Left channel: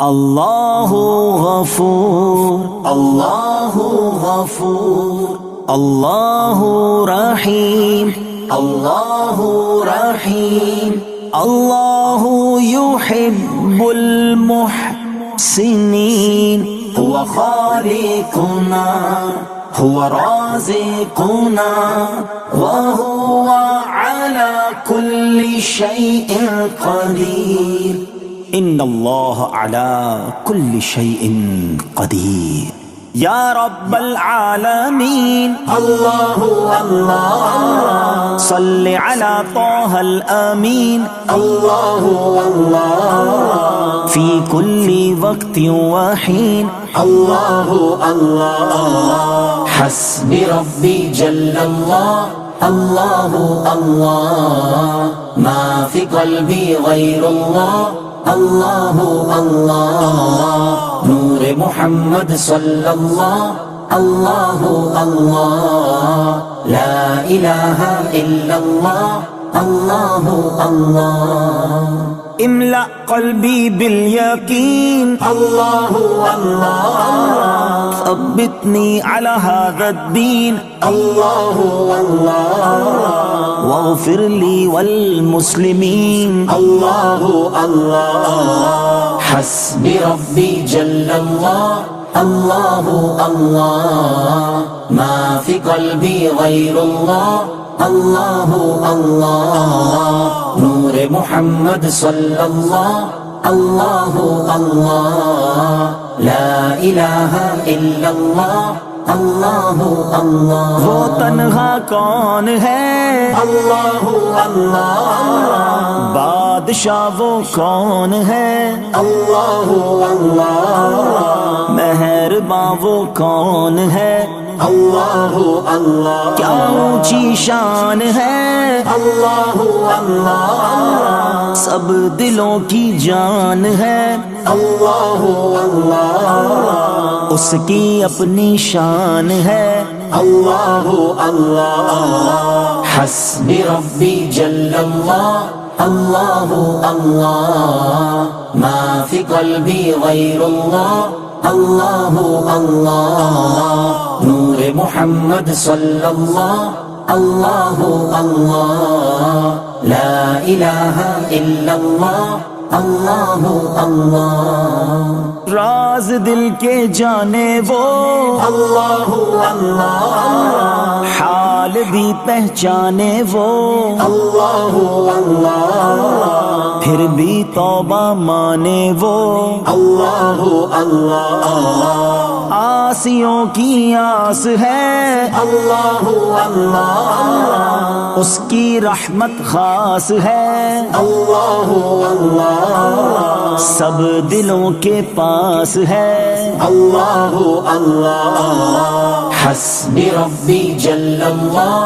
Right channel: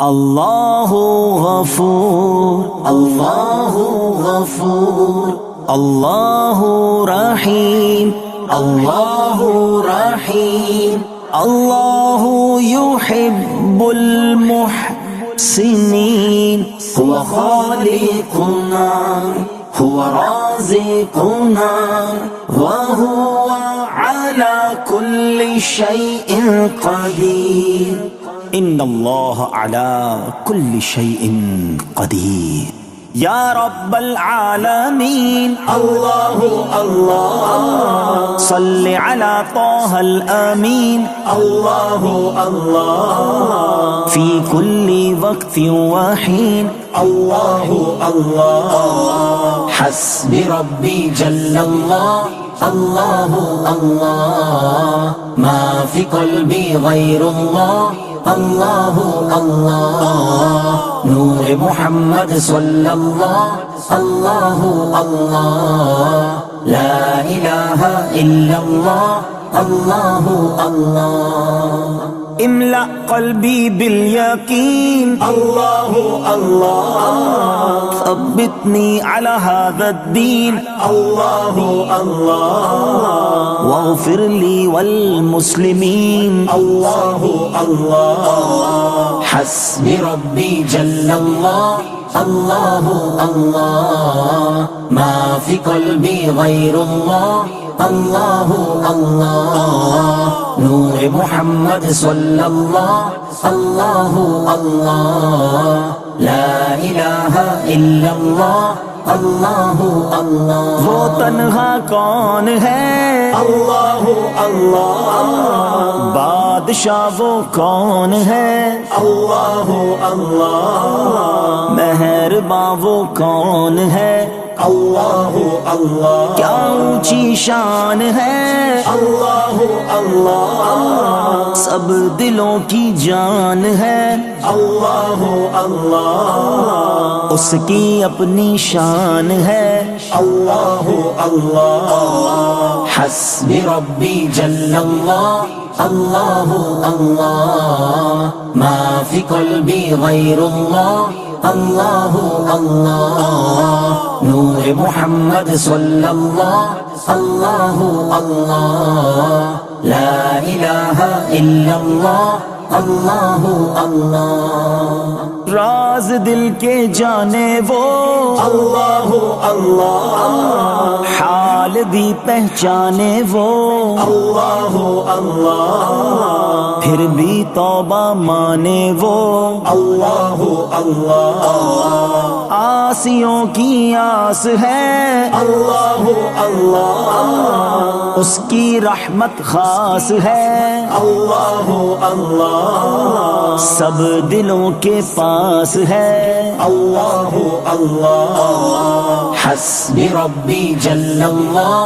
अल्लाहु गफूर, अल्लाहु गफूर, अल्लाहु रहीम, अल्लाहु रहीम, अल्लाहु युहिब्बुल मुहसिनीन। हुवा खालिकुना, हुवा राज़िकुना, व हुवा अला कुल्लि शैइन क़दीर। इन्नल्लाह अला कुल्लि शैइन क़दीर। या रब्बल आलमीन, अल्लाहु अल्लाह अल्लाह, सल्लि अला ताहल अमीन, अल्लाहु अल्लाह अल्लाह, फी कुल्ली वक्तिन व हीन, अल्लाहु अल्लाह अल्लाह, हस्बी रब्बी जल्लल्लाह, अल्लाहु अल्लाह, मा फी क़ल्बी गैरुल्लाह, अल्लाहु अल्लाह, नूर मुहम्मद सल्लल्लाह, अल्लाहु अल्लाह, ला इलाहा इल्लल्लाह, अल्लाहु अल्लाह। इमला क़ल्बी बिल यकीन, अल्लाहु अल्लाह अल्लाह, सब्बितनी अला हाज़ा-द्दीन, अल्लाहु अल्लाह अल्लाह, वग़फ़िर ली वल मुस्लिमीन, अल्लाहु अल्लाह अल्लाह, हस्बी रब्बी जल्लल्लाह, अल्लाहु अल्लाह, मा फी क़ल्बी गैरुल्लाह, अल्लाहु अल्लाह, नूर मुहम्मद सल्लल्लाह, अल्लाहु अल्लाह, ला इलाहा इल्लल्लाह, अल्लाहु अल्लाह। वो तन्हा कौन है, अल्लाहु अल्लाह अल्लाह, बादशाह वो कौन है, अल्लाहु अल्लाह अल्लाह, मेहरबां वो कौन है, अल्लाहु अल्लाह। क्या ऊंची शान है, अल्लाहु अल्लाह अल्लाह, सब दिलों की जान है, अल्लाहु अल्लाह अल्लाह, उसकी अपनी शान है, अल्लाहु अल्लाह अल्लाह, हस्बी रब्बी जल्लल्लाह, अल्लाहु अल्लाह, मा फी क़ल्बी गैरुल्लाह, अल्लाहु अल्लाह, नूर मुहम्मद सल्लल्लाह, अल्लाहु अल्लाह, ला इलाहा इल्लल्लाह, अल्लाहु अल्लाह। राज दिल के जाने वो, अल्लाहु अल्लाह अल्लाह, हाल भी पहचाने वो, अल्लाहु अल्लाह अल्लाह, फिर भी तौबा माने वो, अल्लाहु अल्लाह अल्लाह, आसियों की आस है, अल्लाहु अल्लाह अल्लाह, उसकी रहमत खास है, अल्लाहु अल्लाह अल्लाह, सब दिलों के पास है, अल्लाहु अल्लाह अल्लाह, हस्बी रब्बी जल्लल्लाह,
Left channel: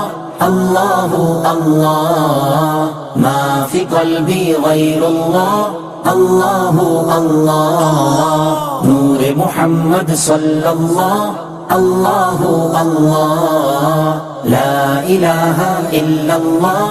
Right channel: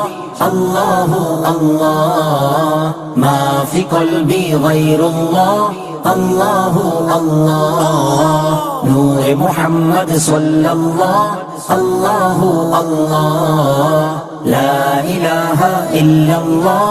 अल्लाहु अल्लाह, मा फी क़ल्बी गैरुल्लाह, अल्लाहु अल्लाह, नूर मुहम्मद सल्लल्लाह, अल्लाहु अल्लाह, ला इलाहा इल्लल्लाह,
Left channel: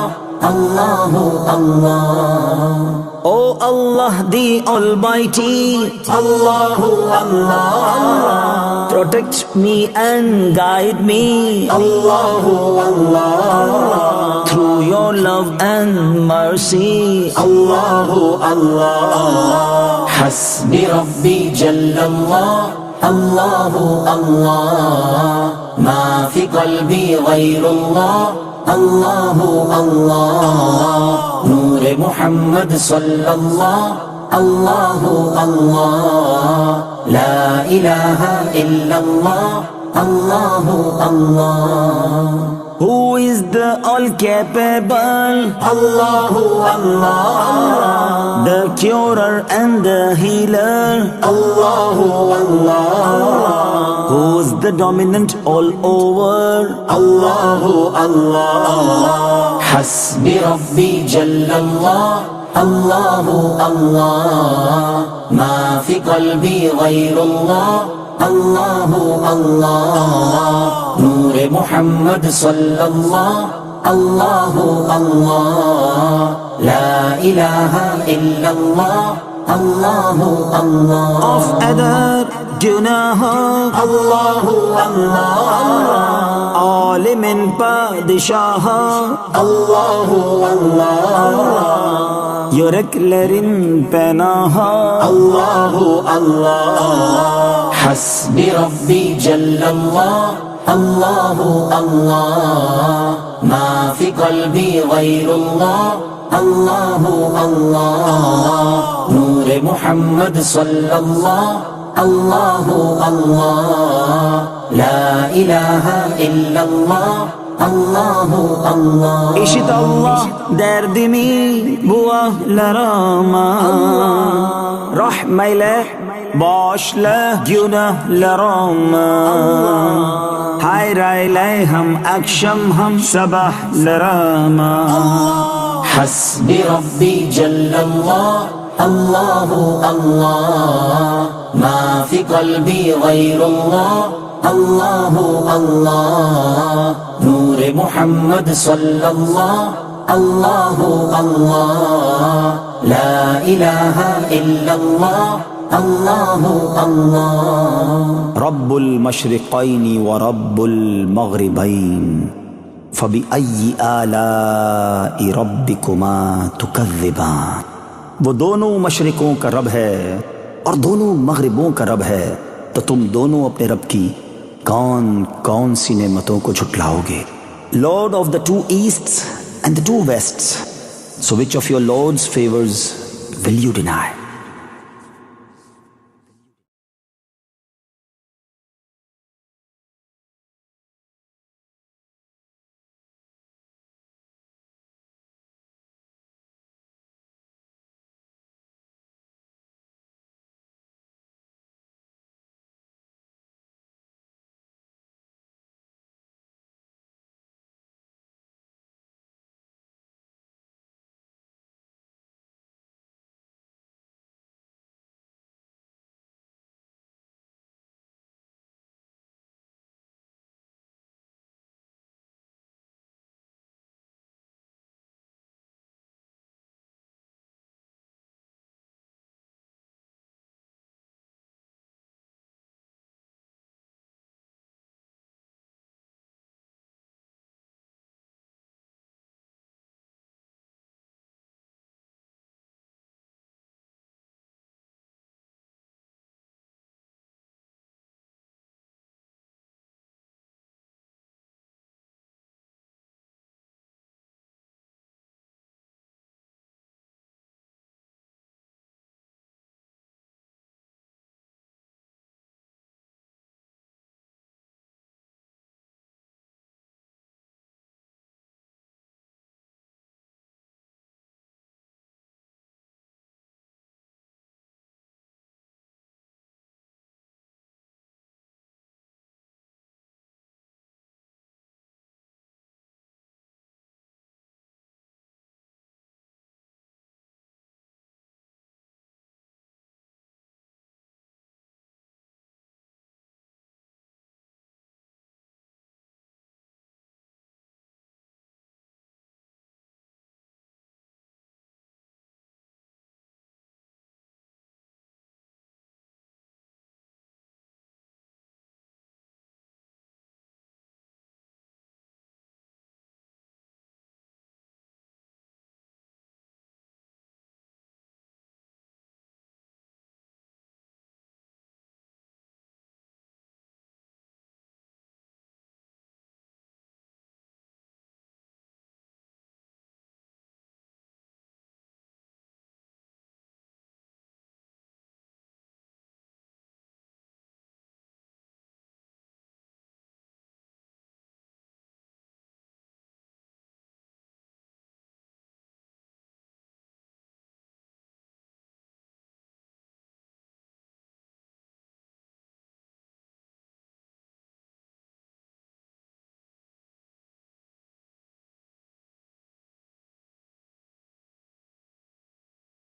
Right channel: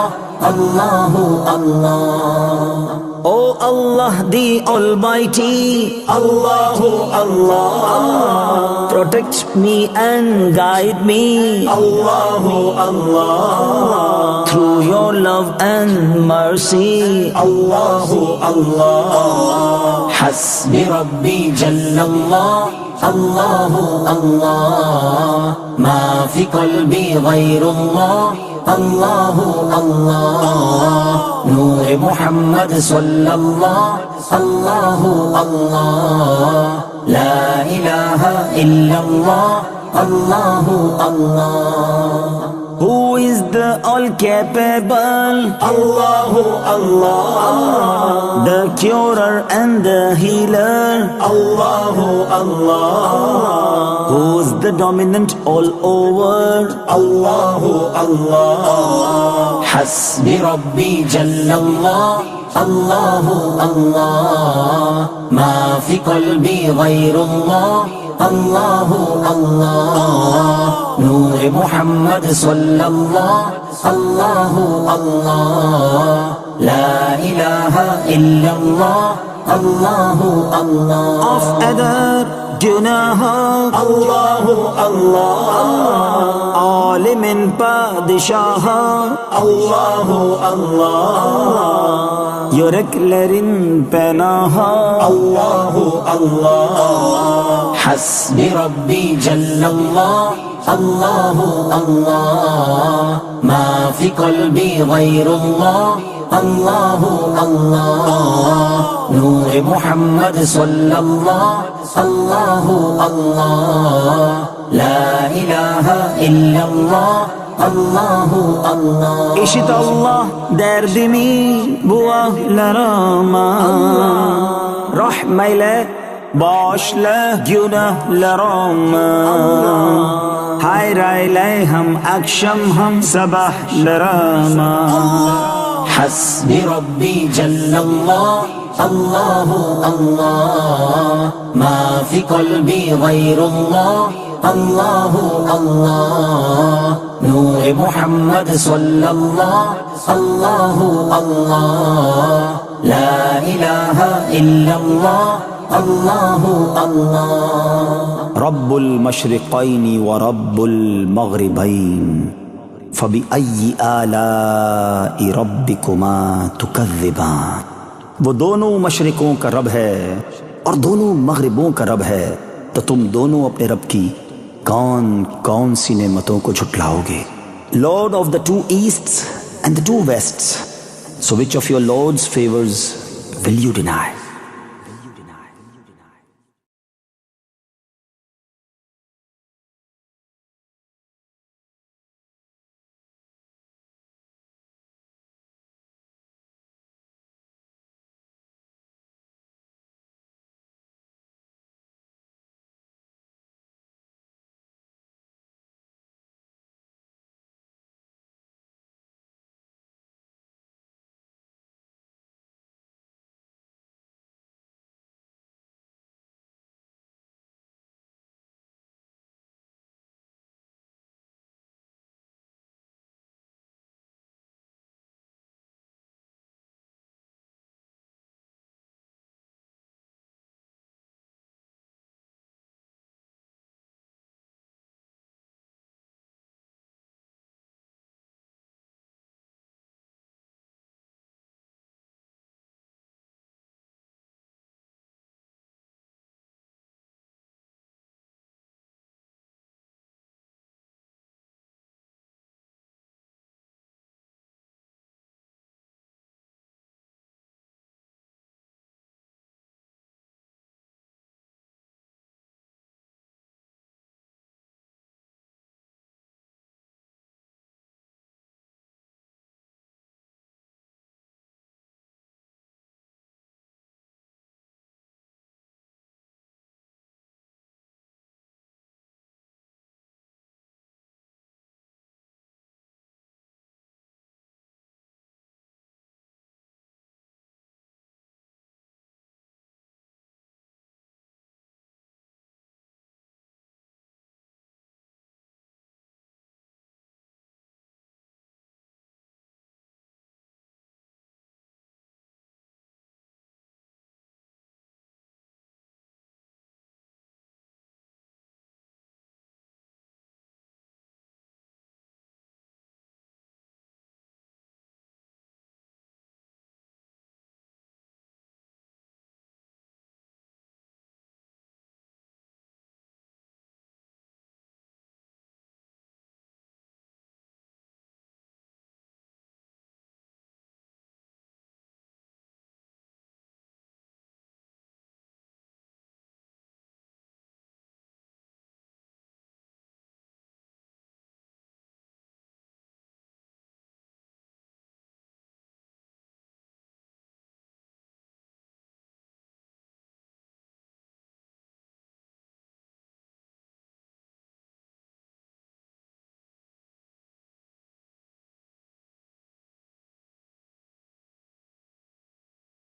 अल्लाहु अल्लाह। Oh Allah the Almighty, Allahu Allah Allah, protect me and guide me, Allahu Allah Allah, through your love and mercy, Allahu Allah Allah, hasbi rabbi jallallah, Allahu Allah, ma fi qalbi ghayrullah, Allahu Allah, नूर मुहम्मद सल्लल्लाह, अल्लाहु अल्लाह, ला इलाहा इल्लल्लाह, अल्लाहु अल्लाह। Who is the all-capable, Allahu Allah Allah, the curer and the healer, Allahu Allah Allah, who is the dominant all over, Allahu Allah Allah, hasbi rabbi jallallah, Allahu Allah, ma fi qalbi ghayrullah, Allahu Allah, नूर मुहम्मद सल्लल्लाह, अल्लाहु अल्लाह, ला इलाहा इल्लल्लाह, Allahu Allah. of other günahı Allahu Allah. alimin padişahı Allahu Allah. yüreklerin penahı Allahu Allah. Hasbi Rabbi Jallallah. Allahu Allah. Ma fi qalbi ghayrullah. Allahu Allah. Nur Muhammad sallallahu. Allahu Allah. La ilahe illallah. Allahu Allah. İşit Allah derdimi bu ahlarıma rahmeyle bağışla günahlarımı hayır eyle hem akşam hem sabahlarıma Hasbi Rabbi Jallallah. Allahu Allah. Ma fi qalbi ghayrullah. Allahu Allah. Nur Muhammad sallallahu. Allahu Allah. La ilahe illallah. Allahu Allah. Rabbul Mashriqayn ve Rabbul Maghribayn فبأي آلاء ربكما تكذبان वो दोनों मशरिकों का रब है और दोनों मगरिबों का रब है तो तुम दोनों अपने रब की कौन कौन सी नेमतों को झुटलाओगे Lord of the two easts and the two wests so which of your Lord's favours will you deny